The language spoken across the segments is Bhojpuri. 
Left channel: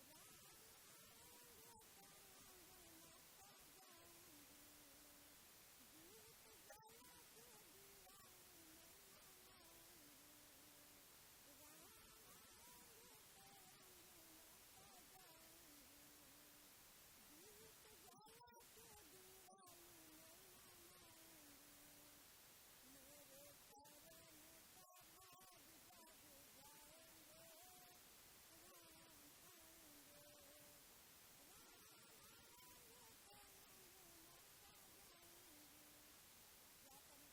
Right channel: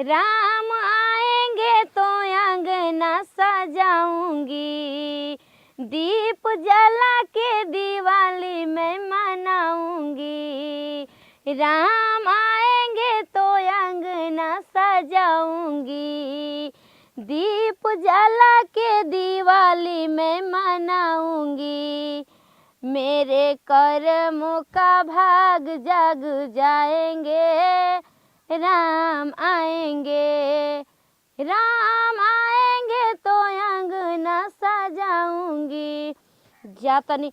राम आएंगे तो अंगना सजाऊंगी, दीप जला के दिवाली मैं मनाऊंगी। राम आएंगे तो अंगना सजाऊंगी, दीप जला के दिवाली मैं मनाऊंगी। मेरे कर्मों का भाग जग जाएंगे, राम आएंगे, राम आएंगे तो अंगना सजाऊंगी। जा तनी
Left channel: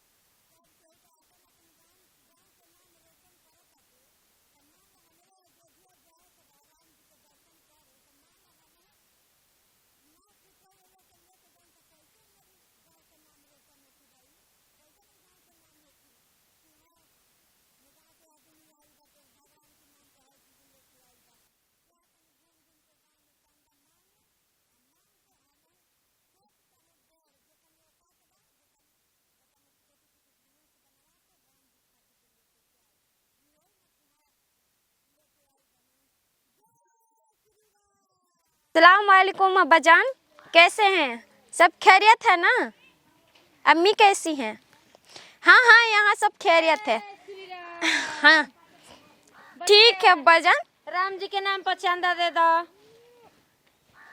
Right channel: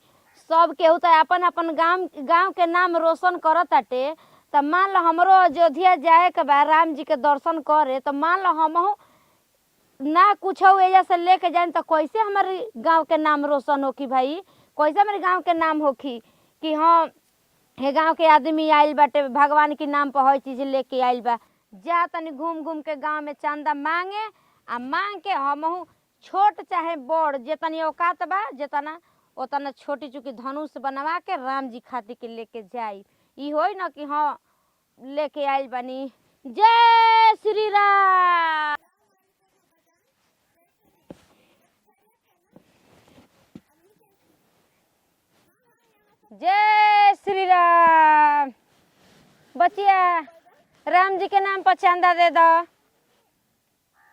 सब केहू तो अपन अपन गांव के नाम रोशन करत ताटे। तब मान लो हमरो अयोध्या जाए के बा राम जी के दर्शन करे, तो मान लो हमहू ना कुछ एजा से लेके जाए तो कैसे हमारे गांव के नाम रोशन होखी भाई, कैसे हमारे गांव के नाम होखी कि हाँ हे गांव के आदमी आइल बाटे भगवान के नाम पर हर चीज लेके आइल बा। जा तनी घूम घूम के गांव में चंदा मांगे आ मांग के हमहू छोट चाहे बड़ जितनी औकात बा जितना उतना छोटी चुकी धनुष बनवा के राम जी खातिर के लेके जाई। ई होई ना कि हाँ लेके आइल बनी। जय श्री राम। अस्सलाम वालेकुम अब्बाजान, कैसे हैं? सब खैरियत है ना? अम्मी कैसी हैं? हाँ हाँ यहाँ सब खैरियत है। जय श्री राम। हाँ। ठीक है अब्बाजान। राम जी के नाम पर चंदा दे दो।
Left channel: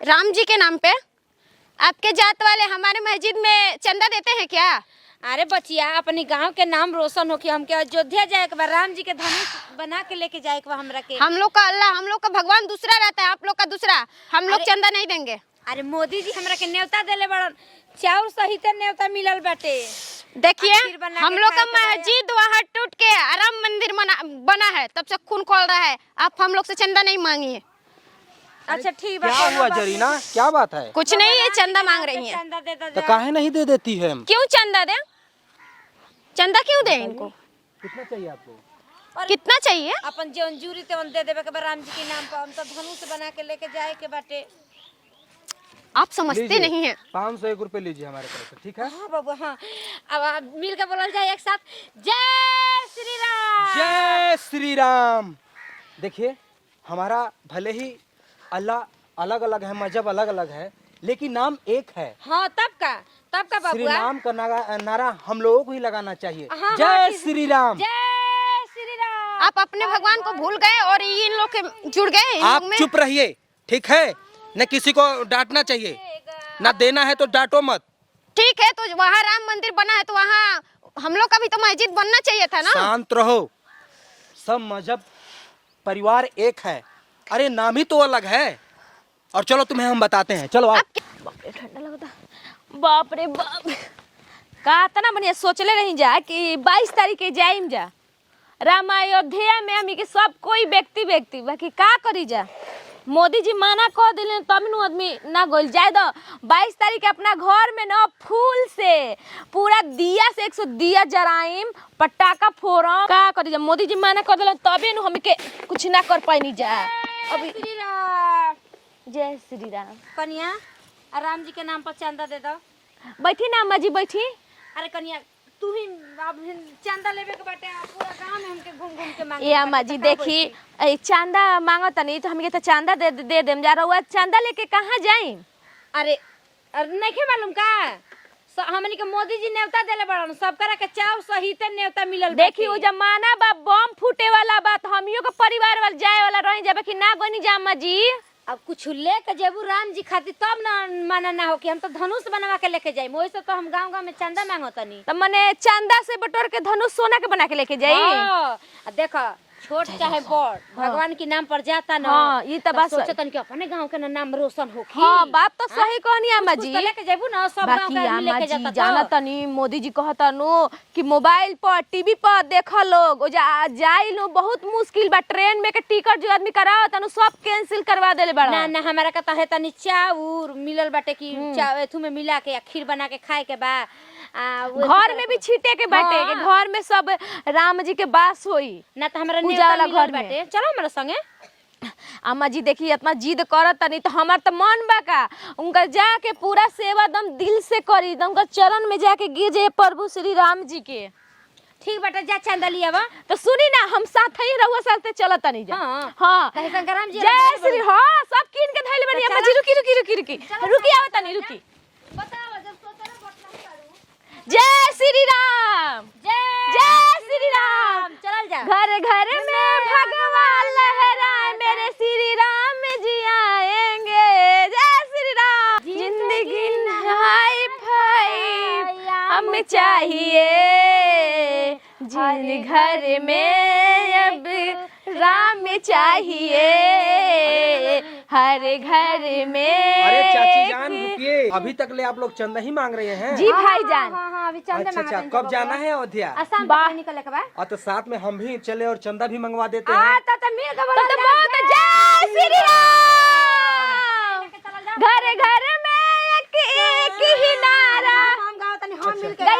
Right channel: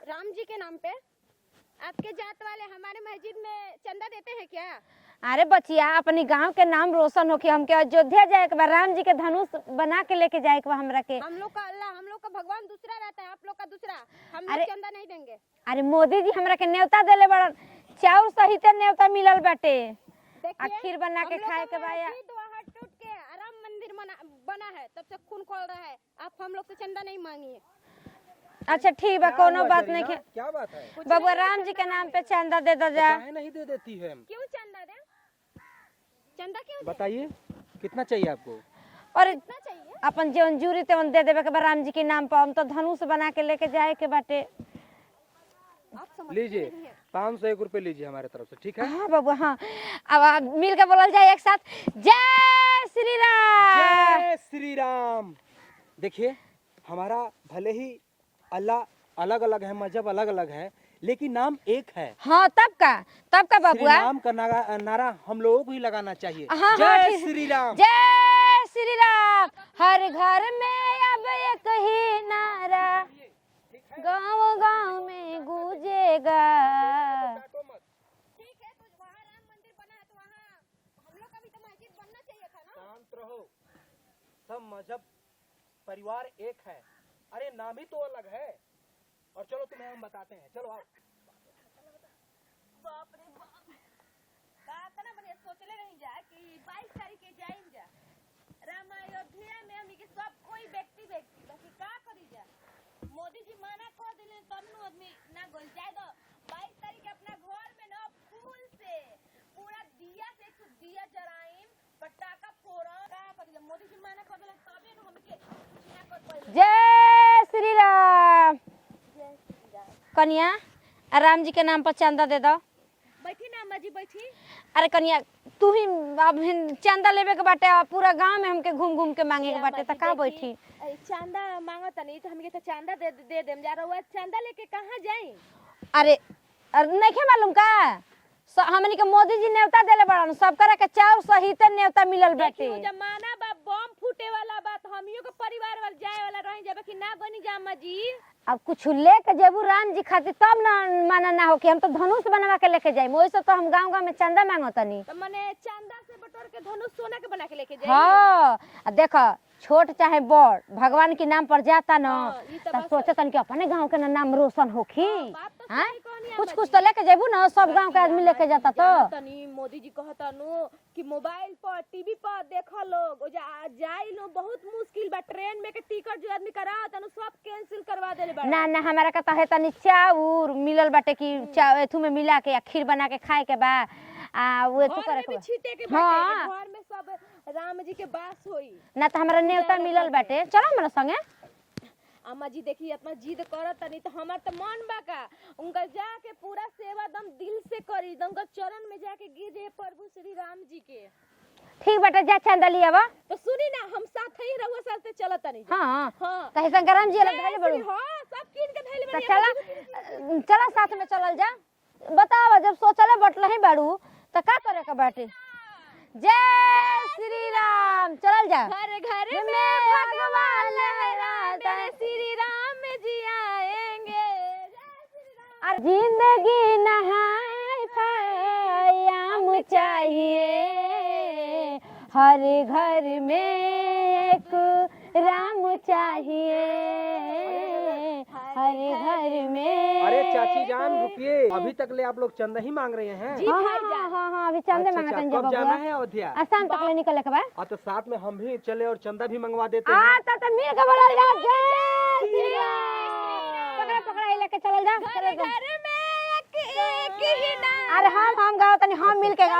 राम जी के नाम पे? आपके जात वाले हमारे मस्जिद में चंदा देते हैं क्या? अरे बचिया अपने गांव के नाम रोशन हो कि हमके अयोध्या जाए के बा, राम जी के धनुष बना के लेके जाए के बा हमरा के। हम लोग का अल्लाह, हम लोग का भगवान दूसरा रहता है, आप लोग का दूसरा। हम लोग चंदा नहीं देंगे। अरे मोदी जी हमरा के न्योता देले बड़न, चाउर सहित न्योता मिलल बाटे। देखिए हम लोग का मस्जिद वहाँ टूट के राम मंदिर बना है, तब से खून खोल रहा है। आप हम लोग से चंदा नहीं मांगिए। अच्छा ठीक है। क्या हुआ जरीना, क्या बात है? कुछ नहीं, ये चंदा मांग रही है। चंदा दे दो। तो काहे नहीं दे देती है? क्यों चंदा दे? चंदा क्यों दे इनको? कितना चाहिए आपको? और कितना चाहिए? अपन जौन जूरी तेवन दे देबे के बा राम जी के नाम पर। हम तो धनुष बना के लेके जाए के बाटे। आप समझते नहीं हैं। 501 रुपए लीजिए हमारे तरफ से, ठीक है? हाँ बाबू हाँ। अब मिल के बोलल जाए एक साथ, जय श्री राम। जय श्री राम। देखिए हमारा भले ही अल्लाह अलग अलग है, मजहब अलग अलग है, लेकिन नाम एक है। हाँ तब का श्री बाबू। राम का नारा हम लोगों को ही लगाना चाहिए। हाँ, जय श्री राम। जय श्री राम। आप अपने भगवान को भूल गए और इन लोग के जुड़ गए। आप चुप रहिए, ठीक है? न किसी को डांटना चाहिए, ना देना है तो डांटो मत। ठीक है, तो वहाँ राम मंदिर बना है तो वहाँ हम लोग का भी तो मस्जिद बनना चाहिए था ना। शांत रहो, सब मजहब परिवार एक है। अरे नाम ही तो अलग है। और चलो तुम्हें हम बताते हैं, चलो आप। ठंडा लगता। बाप रे बाप, का तना बढ़िया सोचले रही जा कि 22 तारीख के जाइम जा राम अयोध्या में। हम के सब कोई व्यक्ति बाकी का करी जा, मोदी जी माना कह दिले तब नु आदमी ना गोल जाए दो। 22 तारीख के अपना घर में ना फूल से पूरा दिया से 100 दिया जराइम, पटाखा फोड़म। का करी जा, मोदी जी माना कह दिले तबे नु हम के कुछ ना कर पाइनी जा। जय श्री राम। जय श्री राम। कन्या राम जी के नाम पर चंदा दे दो। बैठी ना अम्मा जी बैठी। अरे कन्या तू ही अब चंदा लेवे के बाटे, पूरा गांव में हमके घूम घूम के मांगे। ए अम्मा जी देखी, चंदा मांगत नहीं तो हमके तो चंदा दे देम जा रहा। चंदा लेके कहाँ जाई? अरे नहीं मालूम का हमनी के मोदी जी न्योता देले बड़न, सब तरह के चाउर सहित न्योता मिलल। देखी उ जमाना बा बम फूटे वाला बात, हमियो के परिवार वाला जाए वाला रही जाबे कि ना गनी जा अम्मा जी। अब कुछ लेके जेबू राम जी खातिर तब ना माना ना हो कि हम तो धनुष बनवा के लेके जाए। वैसे तो हम गांव में चंदा मांगतनी। तो मने चंदा से बटोर के धनुष सोना के बना के लेके जाई। हाँ, देखा छोट चाहे बड़ भगवान के नाम पर जाता ना। हाँ, ये तो बात सोचतन कि अपने गांव के नाम रोशन होखी। हाँ बात तो सही कहनी अम्मा जी। तो लेके जेबू ना, सब गांव बाकी के आदमी अम्मा लेके जी जाता। जाना तनी मोदी जी कहता नो कि मोबाइल पर टीवी पर देखा लोग ओ जाई लो बहुत मुश्किल बा। ट्रेन में के टिकट जो आदमी कराओ तनु सब कैंसिल करवा देले बड़ा। ना ना हमारा का है तनी चाउर मिलल बाटे कि एथु में मिला के खीर बना के खाए के बा। घर में भी छीटे के बाटे के घर में सब राम जी के बास होई ना तो हमारा पूजा वाला घर घर बाटे। चलो हमारे संगे। अम्मा जी देखी इतना जिद करत तनी तो हमार तो मन बा का उनका जाके पूरा सेवा दम दिल से करी, दम उनका चरण में जाके गिर जाए प्रभु श्री राम जी के। ठीक बाटे, जा चंदा लिया बा। तो सुनी ना हम साथ ही रहुआ साथे चलत तनी जा। हां हां कहीं संग्राम जी जय श्री। हाँ सब रुकी रुकी आओ तनी रुकी बताओ जब सोचले बटला ही बाड़ू तो का जय श्री राम जय श्री राम चल जा घर घर में भगवान लहराए मेरे श्री राम जी आएंगे जय श्री राम जिंदगी नहाई भाई हमें चाहिए हर घर में अब राम चाहिए हर घर में अरे चाची जान रुकिए, अभी तक ले आप लोग चंदा ही मांग रहे हैं। जी भाईजान हां अभी चल अच्छा जा कब जाना है अयोध्या? आसान बाहर निकल के बा और तो साथ में हम भी चले और चंदा भी मंगवा देते हां हैं। तो मिल के बोला जय श्री राम लेके चल जा घर घर में एक ही नारा हम गाओ तनी हम मिल के गए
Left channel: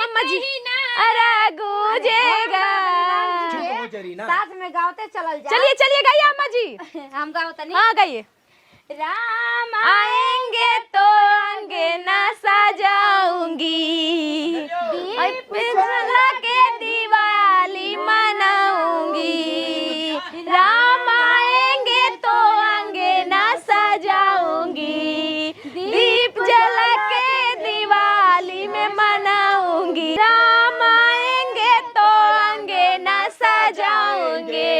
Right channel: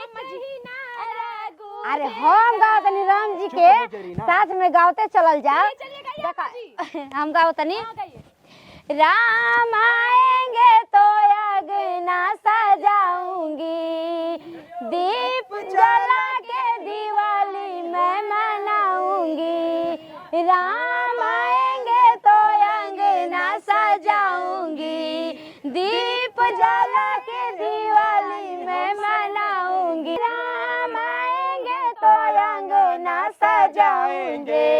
मम्मा जी अरे गूंजेगा राम जी के साथ में गाओते चलल जा चलिए चलिए गए अम्मा जी हम गाओ तनी हाँ गए राम आएंगे तो अंगना सजाऊंगी दीप जला के दिवाली मनाऊंगी राम आएंगे तो अंगना सजाऊंगी दीप जला के दिवाली में मनाऊंगी राम आएंगे तो अंगना सजाऊंगे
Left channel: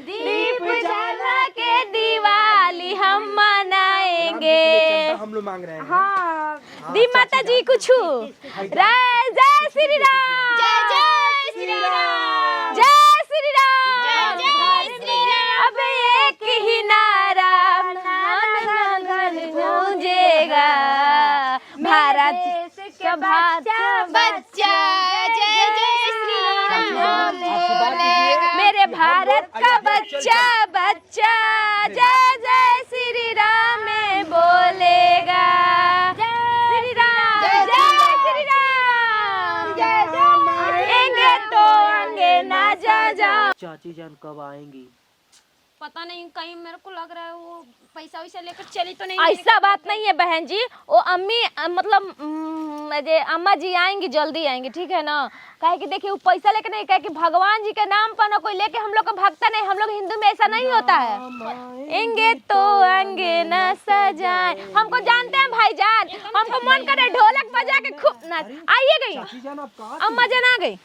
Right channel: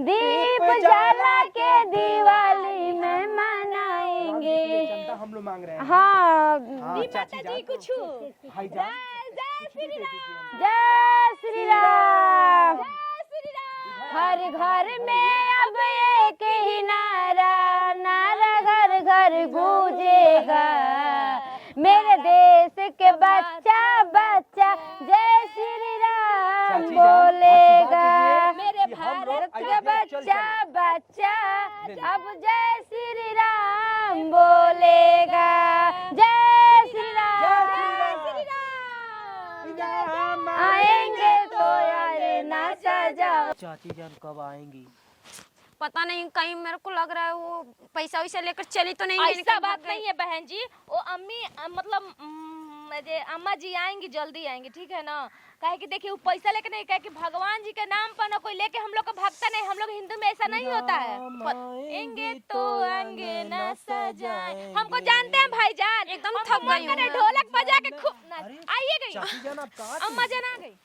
दीप जला के दिवाली हम मनाएंगे चंदा हम लोग मांग रहे हैं। हां दी माता जी कुछ जय श्री राम जय श्री राम जय श्री राम अब एक ही नारा घर घर गूंजेगा भारत देश के बच्चा बच्चा जय जय श्री राम बोलेगा मेरे भारत का बच्चा बच्चा जय जय श्री राम में बोलेगा जय श्री राम जय श्री राम आएंगे तो अंगना जा चाची जान कब आएंगी? पता नहीं कहीं मेरे को लग रहा है वो पैसा वैसा लेकर चली तो नहीं ऐसा बात नहीं है बहन जी वो अम्मी मतलब जे अम्मा जी आएंगी जल्दी आएंगी ठीक है ना काहे कि देखिए वो पैसा लेके नहीं कहे कि भगवान जी के नाम पर ना कोई लेके हम लोग को भगता नहीं हम लोग हिंदू में ऐसा नहीं होता है आएंगे तो अंगना सजाए हमको जानते हैं भाईजान हमको मन करे ढोलक बजा के खूब नाच आइए गई चाची जान आप कहाँ? अम्मा जान आ गई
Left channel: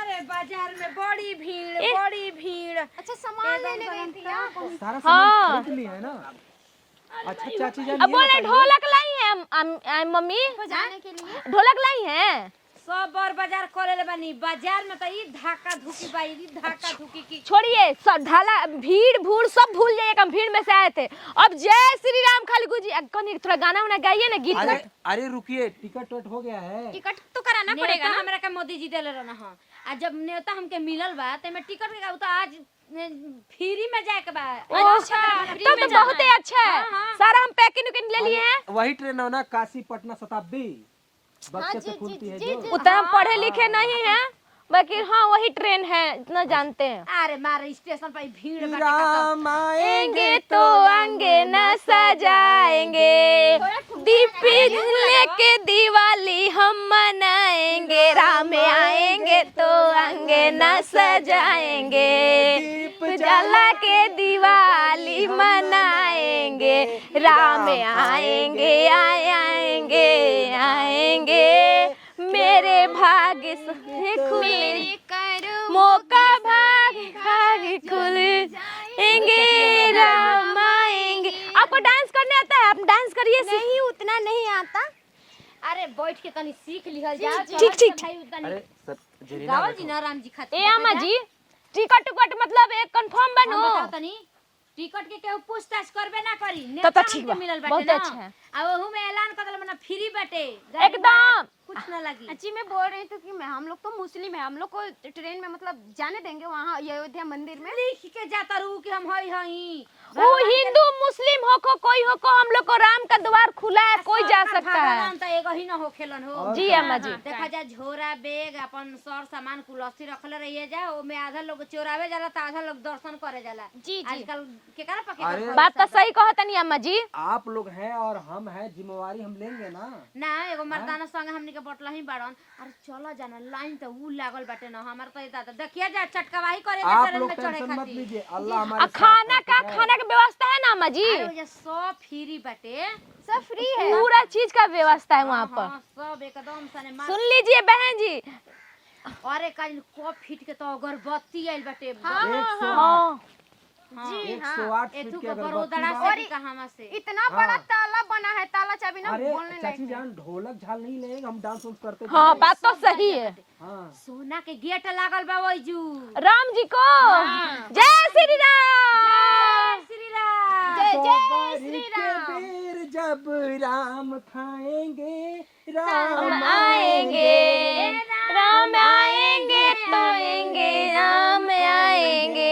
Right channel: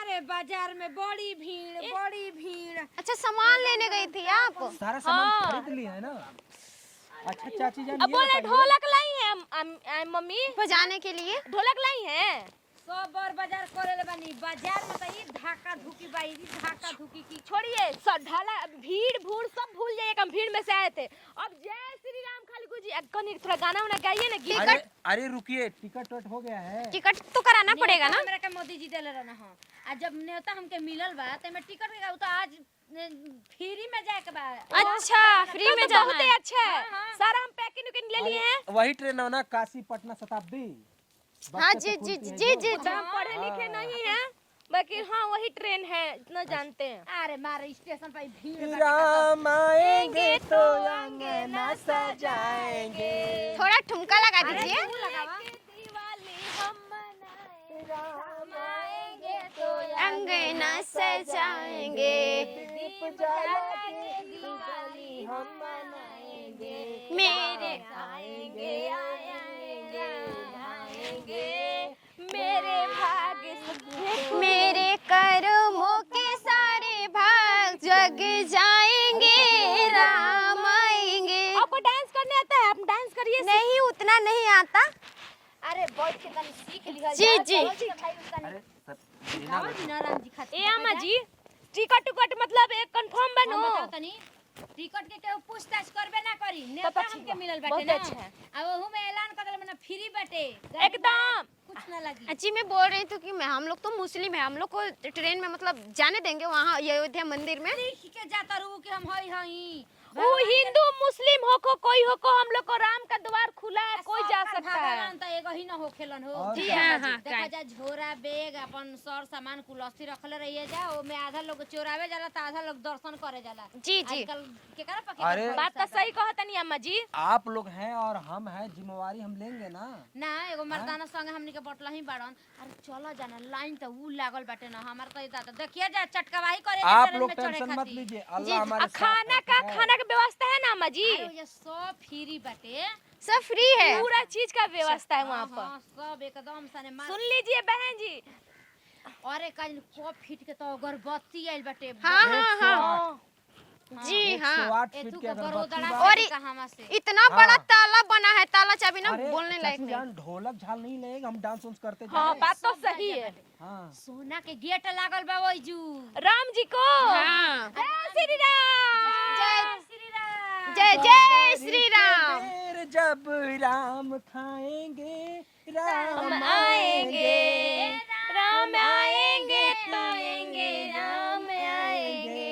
अरे बाजार में बड़ी भीड़ अच्छा सामान लेने गई थी आप सारा सामान खरीद लिया है ना? अच्छा चाची जान अब ये बोले बताइए। ढोलक लाई है मम्मी बजाने के लिए ढोलक लाई है सब बार बाजार करे बानी बाजार में तो ई धाका धुकी बाई ई धाका धुकी की छोड़िए सब ढाला भीड़ भूड़ सब भूल जाइए हम भीड़ में से आए थे अब जय श्री राम खाली गुजी कौन थोड़ा गाना वाना गाइए ना गीत अरे अरे रुकिए, टिकट वेट हो गया है? टिकट तो कराना पड़ेगा ना हमरा के मोदी जी देले रहना हां आ जब नेता हमके मिलल बा ते में टिकट के तो आज फ्री में जाए के बा अच्छा तो बहुत ही अच्छा है सारा हम पैकिंग उकिंग ले लिए हैं वही ट्रेन है ना, काशी पटना शताब्दी बच्चे से जी, खुलती है जी, जो। जी। उतना हम पढ़े लिखे नहीं हैं बाकी हाँ वही ट्रेन है इतना जानते हैं अरे मारे स्टेशन पर भीड़ बाटे राम आएंगे तो अंगना सजाएंगे थोड़ा ठुमका लगा दीप दीजिए। लेके दिवाली हम मनाएंगे राम आएंगे तो अंगना सजाएंगे दीप जला के दिवाली मनाएंगे राम आएंगे आएंगे आएंगे मेरे भाग्य से मेरे कर्मों मौका सारे भाग जग जाएंगे राम आएंगे आपको डांस करने आता है आप डांस करिए नहीं उतना नहीं आता अरे बैठ के तनी सीख लिखा जी, जी। ठीक। अरे सर गावल जी ना राम जी खातिर ए अम्मा जी टिकट मतलब एक कंफर्म बनो बताओ तनी टिकट के केहू पूछताछ करबे ना करी तो नेता ठीक हमके बा, मिलल बहुत बाटे अच्छा है। आ ओहू में ऐलान कर देले मने फ्री बाटे गाड़ी एकदम कुछ ना लगी अच्छी मैं बोल रही थी कि हम लोग तो मुस्लिम है हम लोग को ट्रेन में मतलब जाने देंगे वहाँ अयोध्या मंदिर में लिख के जाता रहू कि हम हई हई वो हिंदू मुस्लिम हो को कोई हो को हम लोग को राम का द्वार खुला है कोई जा सकता है भगवान तो एगो ही ना हो खेलन हो जी अम्मा जी देखा जा झोरा बैग अपन सर सामान कुलस्ती रखले रहिए जा ओ में आधा लोग चोरावे जाला त आधा लोग दर्शन करे जाला जी, जी। आजकल केकरा पके अरे बात तो सही कहा तनी अम्मा जी आप लोग हैं और हम हैं, जिम्मेवारी हम लेंगे ना। ना एगो मर्दाना संग हमनी के बटला ही बाड़न अरे चलो जाना लाइन तो ऊ लागल बाटे ना हमार तो इता देखिए जा चटकवाही करे आप ट्रेन लोग में चढ़े टेंशन मत खातिर लीजिए, अल्लाह हमारे साथ खाना है। का व्यवस्था है ना अम्मा जी अरे ये सब फ्री बटे। सब फ्री है। पूरा चीज का व्यवस्था है वहाँ पर। हाँ, सब एकदम सने मार। सुन लीजिए बहन जी। अरे काल को फीट के तो अगरबत्ती आइल बटे। हाँ हाँ हाँ हाँ जी हाँ। 108 ए फीट तू की को अगरबत्ती बरोदड़ा बा। से कहां से। इतना बड़ा ताला बना है, ताला चाबी ना अरे बोलने लायक चाची नहीं। जान, ढोलक झाल नहीं लेंगे, हम डांस उन्स करते थे। हाँ, बात तो सही है। हाँ सोना के गेट लागल बा ओइ जू। राम जी को जय श्री राम। श्री राम। जय जय श्री राम। बेर जब राम खाएंगे, राम हम आएंगे, राम आएंगे तो आएंगे, राम आएंगे।